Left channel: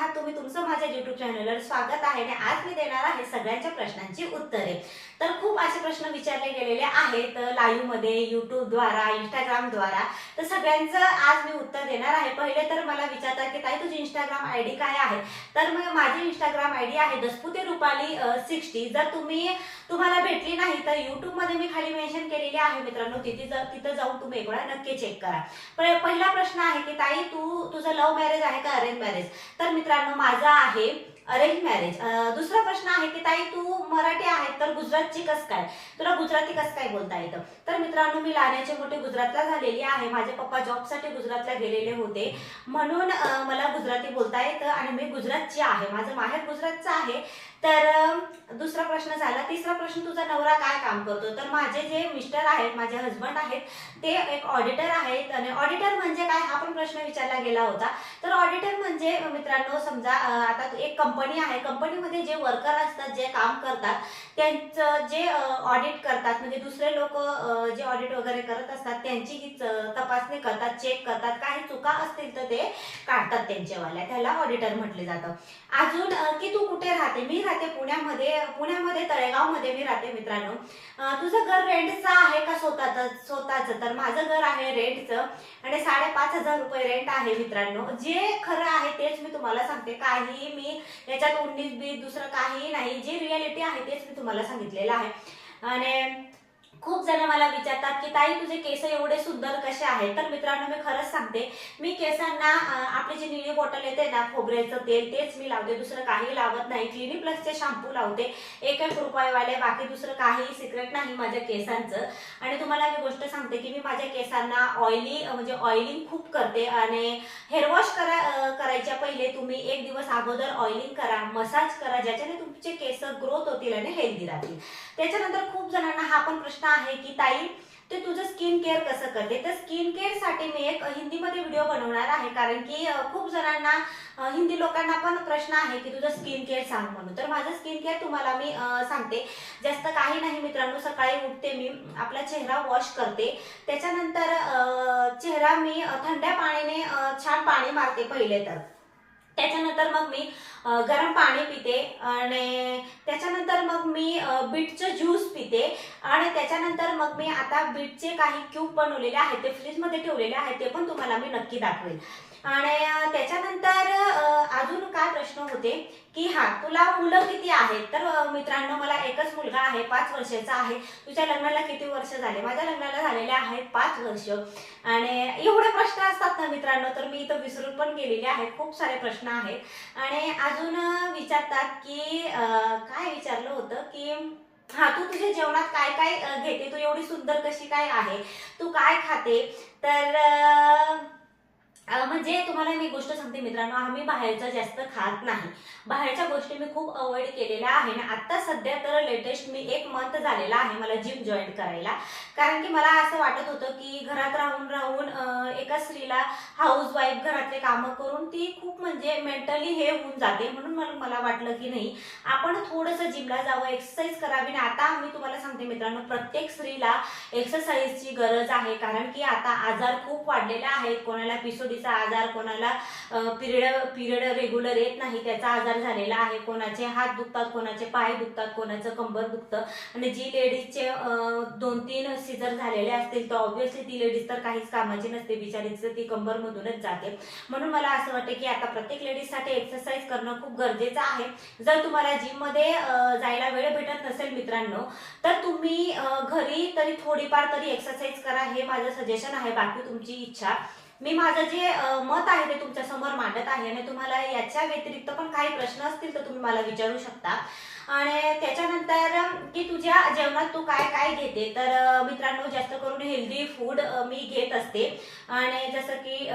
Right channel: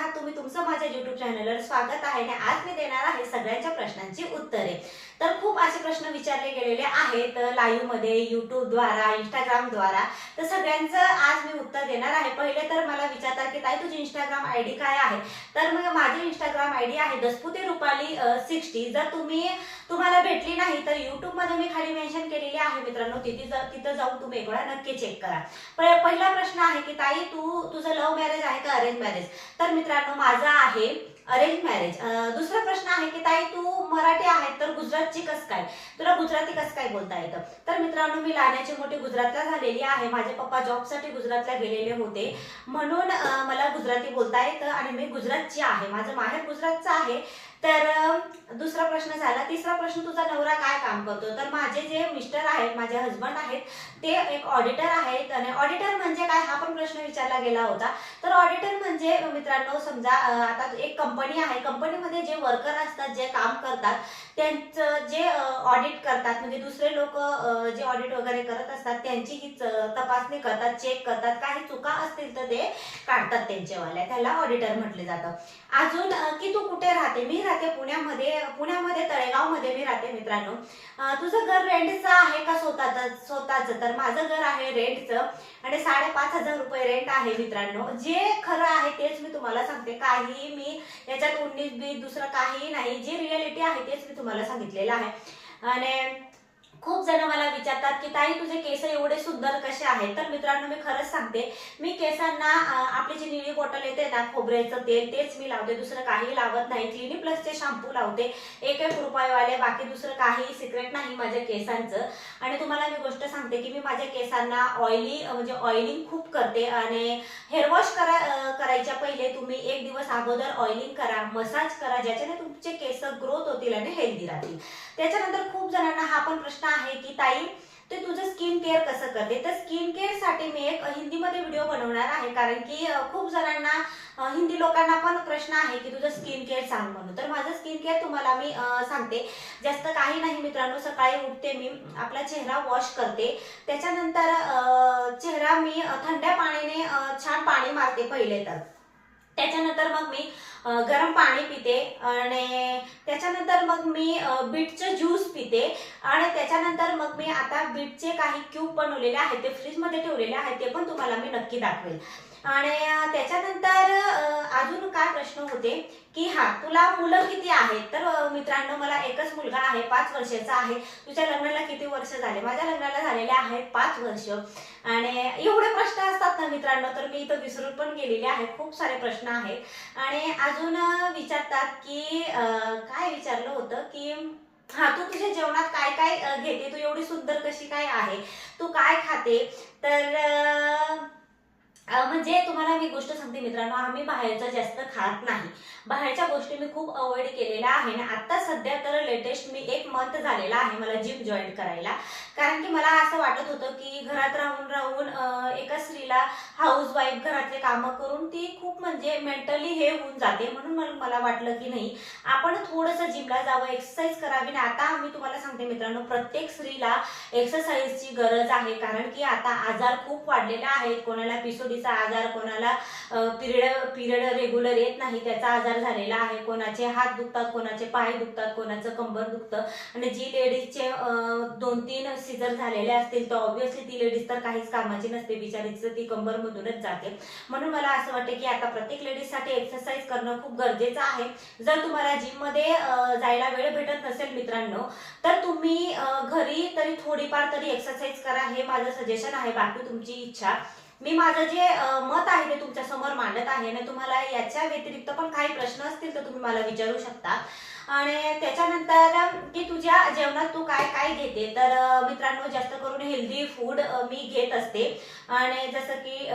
आहात तुम्ही तुमचं माझ्या युट्यूब चॅनलवर स्वागत आहे आणि आज मी देणार आहे सगळ्यांच्या प्रश्नांची उत्तरे. तर खूप असे प्रश्न विचारले गेलेले आहेत लाईव्हमध्ये मध्ये इंस्टाग्रामद्वारा द्वारा इंस्टाग्राम द्वारा. तर सगळ्यांचं आज मी उत्तर देणार आहे. पहिले तर मला विचारतात की ताई तुझी इंस्टाग्राम आय डी काय आहे? तर मग माझी इंस्टाग्राम आय डी आहे दसपुते रुपाली सिक्स्टी जर तुम्ही तुम्हाला भेटली नाही तर युट्यूबमध्ये मी खाली मेन्शन केलेली आहे मित्रांनो. तिथे जा- तिथं जाऊन तुम्ही एक वेळा नक्की चेक करा. पहिला प्रश्न आहे की ताई तू तुझं लव्ह मॅरेज आहे का अरेंज मॅरेज तर मित्र मित्रांनो माझा आहे अरेंज मॅरेज दुसरा प्रश्न आहे की ताई तू मराठी आहे तर गुजरातची कस काय? तुला गुजराती कस काय बोलता येतं? तर मित्रांनो मी लाण्याची मोठी गुजरातला झालेली आहे. माझे पप्पा जॉबसाठी गुजरातला गेलेले होते. म्हणून मला गुजराती बोलता येतं आणि मी गुजरातची आहे. माझं माहेर गुजरातचं आहे. तर दुसरा प्रश्न झाला. तिसरा प्रश्न तुझा नवरा काय काम करतो? तर माझे जे मिस्टर आहेत माझे हजबंड आहेत ते एक ऑडिटर आहेत. आणि ऑडिटर म्हणजे काय? हा पण प्रश्न विचारला गेला होता. तर ऑडिटर म्हणजे मित्रांनो समजा आता एक कंपनी आहे कंपनीमध्ये जे वर्कर असतात जे काम करतात त्यांचं जे ऑडिट करतात म्हणजे दुसरे लोक जे ऑडिट वगैरे करत असतात त्यांची ही तपासणी करतात चेक करतात काही चुका असतील तर ते काढतात त्यांच्यावाल्या. त्याला ऑडिटर म्हटले जातं. अजून की तू कुठे राहते? मी राहते पुण्यामध्ये पुण्यामध्ये तळेगावमध्ये मी राहते मित्रांनो. तुझं घर रेंटचं आहे का स्वतःचं स्वतःचं? तर माझं घर आहे रेंटचं आणि साडेपाच हजार रुपये रेंट आहे मित्रांनो. जे खरं आहे तेच मी तुम्हाला सांगते. काही मी याच्यात उन्नीस बीस दुसरं काही नाही. जे रियालिटी आहे तेच मी तुम्हाला सांगितलेलं आहे. आणि खूप जण मला विचारतात की ताई तुझे केस एवढे सुंदर कसे आहेत? तर मित्रांनो मी खरंच सांगते. मी केसांना आपले आपली जी निळी बॉटल येते ना खोबऱ्याचं तेल तेच मी लावते. दुसरं काही लावत नाही. क्लिनिक प्लसचे शॅम्पू लावते. एक एक रुपयेवाले बाकी दुसरं काही सिक्रेट नाही माझ्या केसांचं. आणि तुम्हाला मी गोष्ट सांगते की मी माझ्या केसांना ऑइली म्हणजे ऑइलिंग खूप करते. आणि हेअर वॉश करा करायच्या पहिले तुम्ही एक दिवस अगोदर ऑइलिंग करा मसाज करा ज्याच्याने तुमचे केस ग्रोथ होतील आणि हेल्दी राहतील. त्याच्यानंतर खूप जणांना हा पण प्रश्न आहे की ताई ते तुझं स्किन केअर कसं करते? तर स्किन केअरसाठी मी एक हिंदीमध्ये व्हिडिओ बनवणार आहे. कारण की खूप जणांना हिंदी लोकांना पण प्रश्न आहे की तुझं स्किन केअर सांग म्हणून. तर माझं स्किन केअर तुम्हाला मी सांगते. जास्त काही नाही मित्रांनो सकाळी उठते मी आपला चेहरा वॉश करते. त्याच्यानंतर चेहरा मी थंड्या पाण्याने छान पाणी मारते पहिले तर. त्याच्यानंतर मग मी गरम पाणी पिते आणि त्याच्यानंतर मग मी बीटचं ज्यूस पिते आणि त्याच्यानंतर मग मी आता बीटचे काही क्यूब बनवलेले आहेत ते फ्रीजमध्ये ठेवलेले आहेत ते पण तुम्हाला मी नक्की दाखवेल. आणि त्याच्यानंतर अजून काय प्रश्न होते की हा तुला मुलं किती आहेत? तर मित्रांनो मला एकच मुलगा आहे पाच वर्षाचा आहे. तुझ्या लग्नाला किती वर्ष झाले? माझ्या लग्नाला झालेले आहेत पाच वर्ष. आणि एवढे प्रश्न असतात ना मित्रांनो तर मी इथं विसरून पण गेलेले आहेत खूप सारे प्रश्न आहेत. आणि अजून विचारतात की काय विचारलं होतं की हा तू तुझ्या जेवणात काय काय घेते? तू एवढी सुंदर कशी काय आहे? तू काय खाते? तर म्हणजे तुम्हाला मी गोष्ट सांगते मित्रांनो आम्ही बाहेरचं जास्त खात नाही. बाहेरच्या गोष्टी मी खूप अवॉइड केलेल्या आहे आणि आत्ता सध्या तर लेटेस्ट मी एक मंथ झालेला आहे मला जिम जॉईन करायला. कारण की मला असं वाटत होतं की घरात राहून राहून एका स्त्रीला हाऊस वाईफ घरातले कामं करून ती खूप म्हणजे मेंटली हे होऊन जाते म्हणून मला मला वाटलं की नाही. आपण थोडंसं जिमला जावं एक्सरसाइज करावी आणि आता मी तुम्हाला सांगते मित्रांनो प्रत्येक स्त्रीला एक्सरसाइजची गरज आहे. कारण की आता आजार खूप वाढलेला आहेत. कोणाला पिसोडीचा आजार कोणाला पिरियड पिरियड रेग्युलर येत नाही त्याचा आजार झालेला आहे. कोणाचे हात दुखतात कोणाचे पाय दुखतात कोणाचं कंबर दुखतं. आणि जी लेडीजचे दोन तीन सिजर झालेले असतील तर ऑब्व्हियसली ती लेडीज तर काहीच कामाची नसते. बिचारीचं ती कंबरमधूनच जाते. म्हणून मला असं वाटतं की आता प्रत्येक लेडीजसाठी एक्सरसाइज करणं खूप गरजेचं आहे. जर तुम्हाला जिममध्ये जायला वेळ भेटत नसेल मित्रांनो तर तुम्ही घरी तरी थोडीफार तरी एक्सरसाइज करा. हे माझं सजेशन आहे. बाकी तुमची इच्छा. मी माझं जे मत आहे ते तुमच्यासमोर मांडत आहे आणि तुम्हाला याच्या व्यतिरिक्त पण काही प्रश्न असतील तर तुम्ही मला विचारू शकता. आणि त्याच्यानंतर की तुझ्या जेवणात तू काय काय घेते? तर मित्रांनो जास्त करून हेल्दी फूड मी घेत असते. आणि जसं की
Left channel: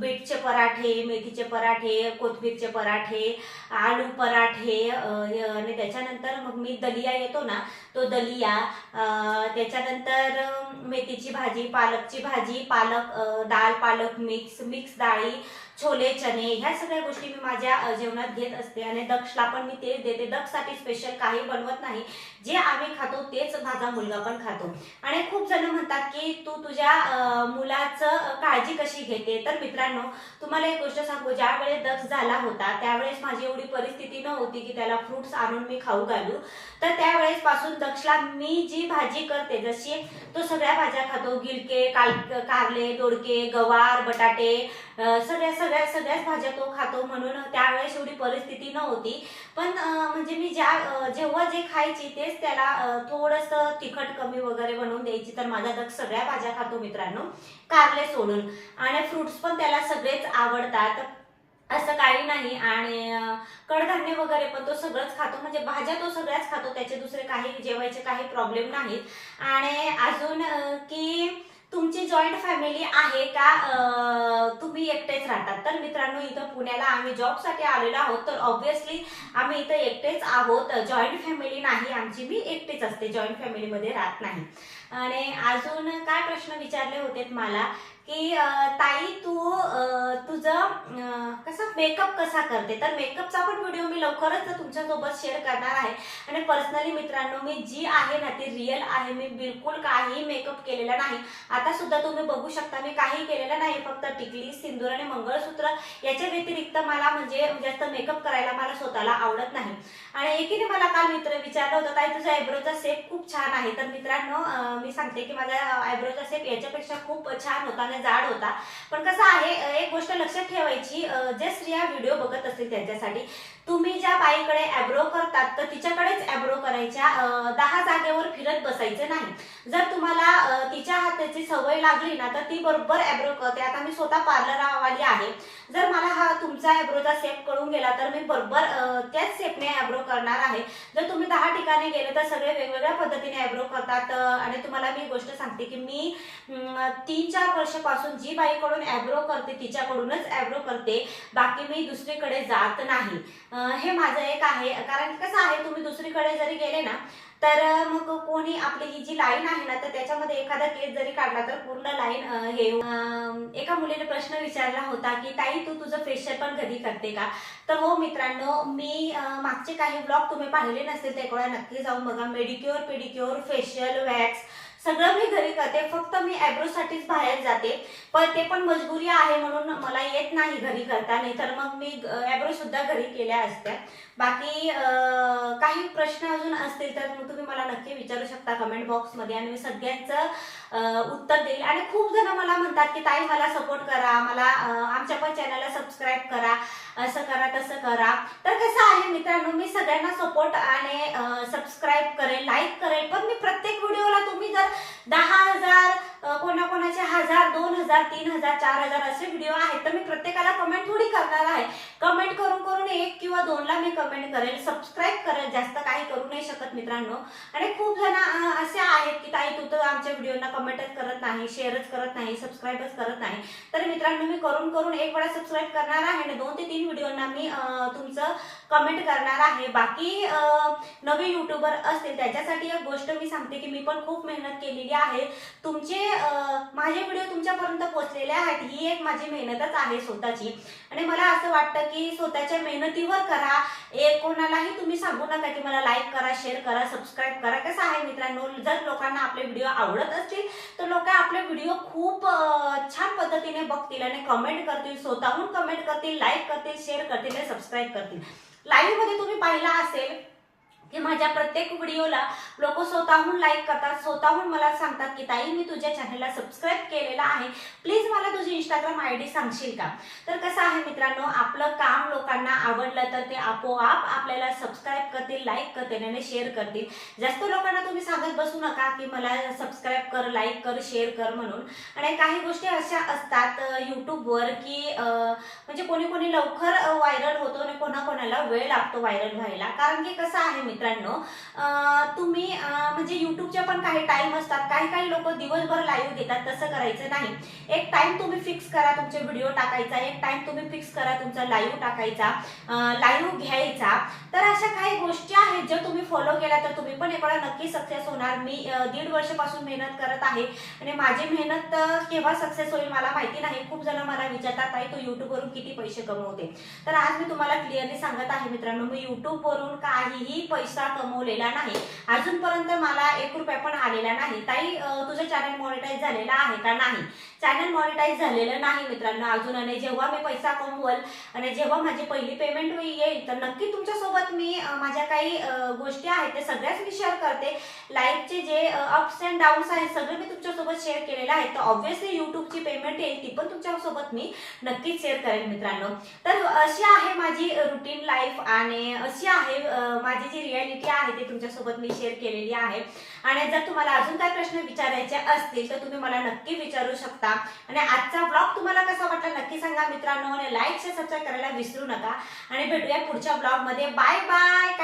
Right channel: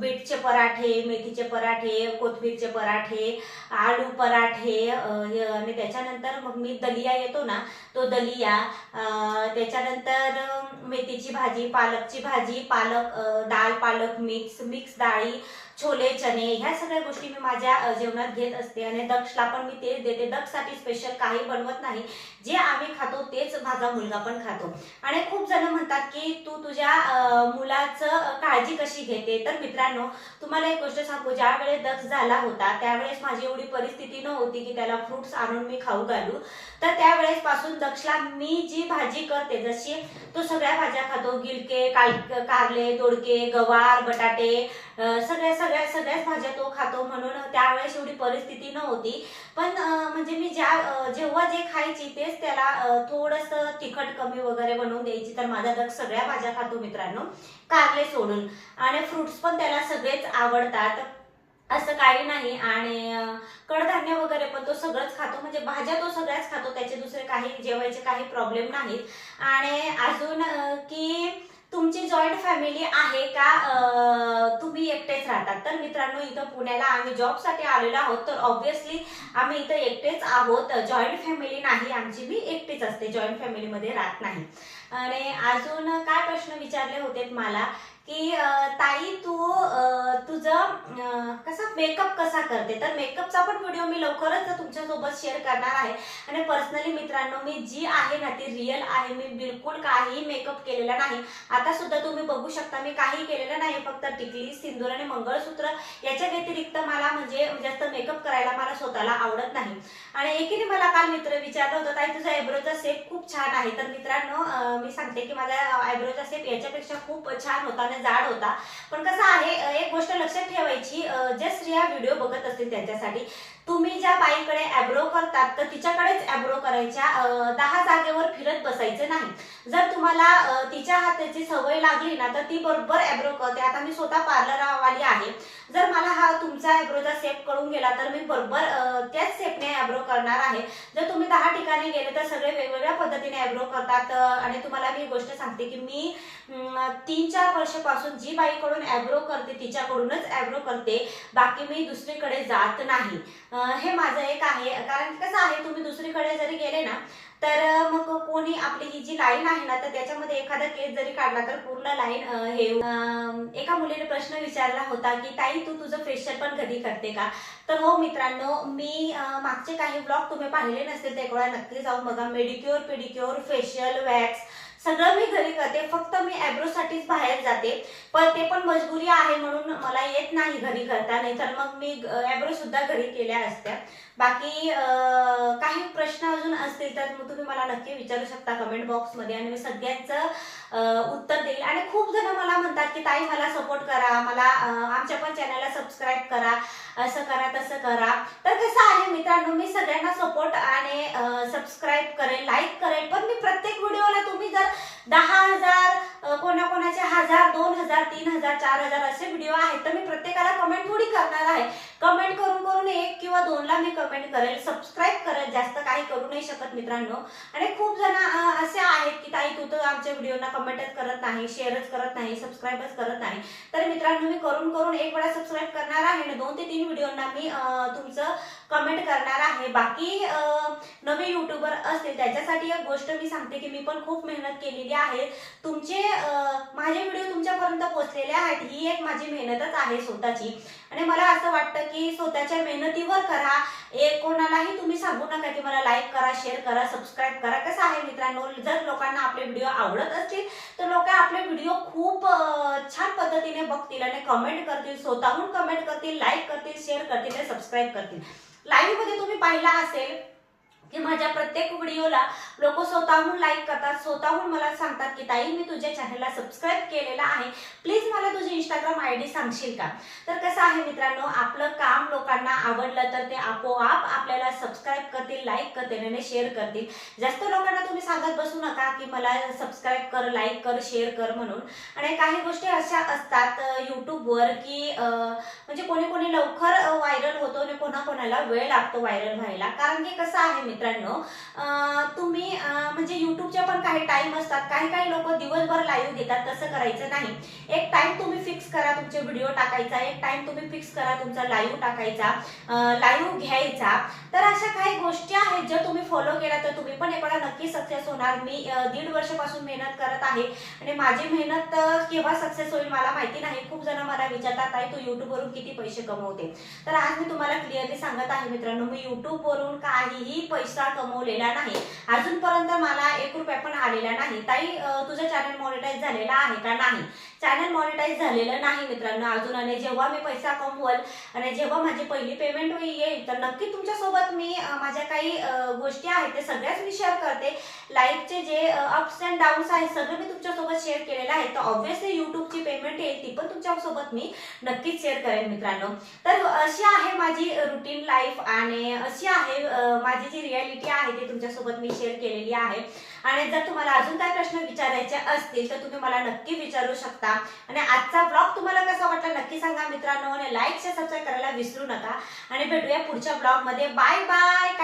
बीटचे पराठे मेथीचे पराठे कोथिंबीरचे पराठे आलू पराठे आणि त्याच्यानंतर मग मी दलिया येतो ना तो दलिया त्याच्यानंतर मेथीची भाजी पालकची भाजी पालक दाल पा पालक मिक्स मिक्स डाळी छोले चणे ह्या सगळ्या गोष्टी मी माझ्या जेवणात घेत असते आणि दक्षला पण मी तेच देते. दक्षसाठी स्पेशल काही बनवत नाही. जे आम्ही खातो तेच माझा मुलगा पण खातो. आणि खूप जण म्हणतात की तू तुझ्या मुलाचं काळजी कशी घेते? तर मित्रांनो तुम्हाला एक गोष्ट सांगू. ज्या वेळेस दक्ष झाला होता त्यावेळेस माझी एवढी परिस्थिती नव्हती की त्याला फ्रुट्स आणून मी खाऊ घालू. तर त्यावेळेस पासून दक्षला मी जी भाजी करते जशी तो सगळ्या भाज्या खातो. गिलके काल कारले दोडके गवार बटाटे सगळ्या सगळ्या सगळ्याच भाज्या तो खातो म्हणून त्यावेळेस एवढी परिस्थिती नव्हती. पण म्हणजे मी ज्या जेव्हा जे खायची तेच त्याला थोडंसं तिखट कमी वगैरे बनवून द्यायची तर माझा दक्ष सगळ्या भाज्या खातो मित्रांनो कारले सोडून. आणि फ्रुट्स पण त्याला सगळेच आवडतात. असं काही नाही. आणि कडधान्य वगैरे पण तो सगळंच खातो. म्हणजे भाज्या तो सगळ्याच खातो. त्याचे दुसरे काही जेवायचे काही प्रॉब्लेम नाहीत. आणि अजून की तुमची जॉईंट फॅमिली आहे का? तुम्ही एकटेच राहतात. तर मित्रांनो इथं पुण्याला आम्ही जॉबसाठी आलेलो आहोत. तर ऑब्व्हियसली आम्ही इथं एकटेच आहोत. जॉईंट फॅमिली नाही. आमची मी एकटीच असते. जॉईंट फॅमिलीमध्ये राहत नाही. आणि अजून काय प्रश्न विचारले होते मला? की ताई तू तुझं कसं मेकअप कसा करते? तर मेकअपचा पण व्हिडिओ मी लवकरच तुमच्यासोबत शेअर करणार आहे. आणि पर्सनली मित्रांनो मी जी आहे ना ती रिअल आहे. मी बिलकुल काहीही मेकअप केलेला नाही. आता सुद्धा तुम्ही बघू शकता मी काही केलेलं नाही. फक्त टिकली सिंदूर आणि मंगळसूत्र याच्या व्यतिरिक्त मला म्हणजे जास्त मेकअप करायला मला स्वतःला आवडत नाही. आणि एकीने मला काल मित्र विचारलं होतं ताई तुझा आयब्रोचा सेप खूप छान आहे. तर मित्रांनो मी सांगते की माझा आयब्रोचा सेप याच्यापेक्षा खूप छान होता. त्यामुळे जाड होता. पण कसं आहे एक गोष्ट लक्षात ठेवायची जे स्त्रिया व्हिडिओ बघत असतील त्यांच्यासाठी तुम्ही ज्या बाईकडे ॲब्रो करतात तर तिच्याकडेच ॲब्रो करायच्या. दहा जागेवर फिरत बसायचे नाही. जर तुम्हाला तिच्या हाताची सवय लागली ना तर ती बरोबर ॲब्रो करते. आता मी स्वतः पार्लरवाली आहे. जर मला हा तुमचा ॲब्रोचा सेप कळून गेला तर मी बरोबर त्याच सेपने ॲब्रो करणार आहे. जर तुम्ही दहा ठिकाणी गेले तर सगळे वेगवेगळ्या पद्धतीने ॲब्रो करतात. आणि तुम्हाला मी गोष्ट सांगते की मी तीन चार वर्षापासून जी बाईकडून ॲब्रो करते तिच्याकडूनच ॲब्रो करते. बाकी मी दुसरीकडे जात नाही. हे माझं एक आहे. कारण की कसं आहे तुम्ही दुसरीकडे जरी गेले ना तर मग कोणी आपली ही जी लाईन आहे ना तर त्याच्यामध्ये एखादा केस जरी काढला तर पूर्ण लाईन हे एका मुलीने प्रश्न विचारला होता की ताई तू तुझं फेशियल पण कधी करते का? तर हो मित्रांनो मी मागचे काही ब्लॉग तुम्ही पाहिले नसतील ते वेळा नक्की जाऊन बघा. मेडिक्युअर पेडिक्युअर फेशियल वॅक्स सगळं मी घरी करते फक्त मी ॲब्रोसाठीच बाहेर जाते. पण ते पण मजबुरी आहे म्हणून मला येत नाही घरी करता नाही तर मग मी ॲब्रो सुद्धा घरी केल्या असत्या. बाकी काही प्रश्न अजून असतील तर मग तुम्ही मला नक्की विचारू शकता कमेंट बॉक्समध्ये आणि मी सगळ्यांचं उत्तर देईल. आणि खूप जण मला म्हणतात की ताई मला सपोर्ट करा. मला आमच्या पण चॅनलला सबस्क्राईब करा. असं करा तसं करा. तर कसं आहे मित्रांनो मी सगळ्यांना सपोर्ट आणि सबस्क्राईब करेल लाईक करेल. पण मी प्रत्येक व्हिडिओला तुम्ही जर दहा हजार कोणा कोणा तीन हजार चार हजार असे व्हिडिओ आहेत. तर मी प्रत्येकाला कमेंट थोडी करणार आहे. कमेंट करून करून एक किंवा दोनला मी कमेंट करेल. सबस्क्राईब करेल. जास्त काही करू नाही शकत मित्रांनो. आणि खूप जण असे आहेत की ताई तू तर आमच्या व्हिडिओना कमेंटच करत नाही शेअरच करत नाही सबस्क्राईबच करत नाही. तर मित्रांनो मी करून करून एक वेळा सबस्क्राईब करणार आहे आणि दोन ते तीन व्हिडिओना मी तुमचं कमेंट करणार आहे. बाकी नवे युट्यूबर असतील त्याच्यासाठी एक गोष्ट मी सांगते की मी पण खूप मेहनत केलेली आहे. तुमचे माझे व्हिडिओ तुमच्यापर्यंत पोहोचलेले ही एक माझी मेहनतच आहे स्वतःची. आणि मला असं वाटतं की स्वतःच्या मेहनतीवर करा. एक कोणालाही तुम्ही सांगू नका की मला लाईक करा शेअर करा सबस्क्राईब करा. कसं आहे मित्रांनो जर लोकांना आपले व्हिडिओ आवडत असतील तर लोक आपले व्हिडिओ खूप छान पद्धतीने बघतील आणि कमेंट करतील स्वतःहून कमेंट करतील लाईक करतील शेअर करतील आणि सबस्क्राईब करतील. लाईव्हमध्ये तुम्ही पाहिला असेल की माझ्या प्रत्येक व्हिडिओला लोक स्वतःहून लाईक करतात स्वतःहून मला सांगतात की ताई मी तुझ्या चॅनलला सबस्क्राईब केलेला आहे. प्लीज मला तुझी इंस्टाग्राम आय डी सांगशील का? तर कसं आहे मित्रांनो आपलं काम लोकांना आवडलं तर ते आपोआप आपल्याला सबस्क्राईब करतील लाईक करतील आणि शेअर करतील. जास्त लोकांना तुम्ही सांगत बसू नका की मला सबस्क्राईब कर लाईक कर शेअर कर म्हणून. आणि काही गोष्टी अशा असतात यूट्यूबवर की म्हणजे कोणी कोणी लवकर व्हायरल होतो आणि कोणाकोणाला वेळ लागतो व्हायरल व्हायला. कारण की कसं आहे मित्रांनो तुम्ही म्हणजे युट्यूबचे पण काही टाइम असतात. काही काही लोक दिवसभर लाईव्ह घेतात. तसं करायचं नाही. एक टाइम तुम्ही फिक्स करा तुमचे व्हिडिओ टाकायचा. एक टाइम तुम्ही फिक्स करा तुमचा लाईव्ह टाकायचा. लाईव्ह घ्यायचा. तर अशा काही गोष्टी आहेत ज्या तुम्ही फॉलो केल्या तर तुम्ही पण एवढा नक्की सक्सेस होणार. मी दीड वर्षापासून मेहनत करत आहे. आणि माझी मेहनत केव्हा सक्सेस होईल मला माहिती नाही. खूप जण मला विचारतात ताई तू युट्यूबवरून किती पैसे कमवते? तर आज मी तुम्हाला क्लिअरली सांगत आहे मित्रांनो मी युट्यूबवरून काहीही पैसे कमवलेला नाही. अजूनपर्यंत मला एक रुपया पण आलेला नाही. ताई तुझं चॅनल मॉनिटाईज झालेला आहे का नाही? चॅनल मॉनिटाईज झालेलं नाही मित्रांनो. अजून आणि जेव्हा मी पैसा कमवल आणि जेव्हा माझी पहिली पेमेंट येईल तर नक्की तुमच्यासोबत मी माझ्या काही गोष्टी आहेत ते सगळ्याच मी शेअर करते. लाईफचे जे अप्स अँड डाऊन्स आहेत सगळे मी तुमच्यासोबत शेअर केलेलं आहे. तर ऑब्व्हियसली युट्यूबची पेमेंट येईल ती पण तुमच्यासोबत मी नक्कीच शेअर करेन मित्रांनो. तर अशी आहे माझी रुटीन लाईफ आणि अशी आहे माझी जी रियालिटी आहे ती तुमच्यासोबत मी शेअर केलेली आहे. आणि जर तुम्हाला अजून काही प्रश्न विचारायचे असतील तर तुम्ही मला नक्की विचारू शकता. आणि आजचा ब्लॉग तुम्हाला कसा वाटला नक्की सांगा मित्रांनो. आणि लाईक शेअर सबस्क्राईब करायला विसरू नका. आणि भेटूया पुढच्या ब्लॉगमध्ये. Bye bye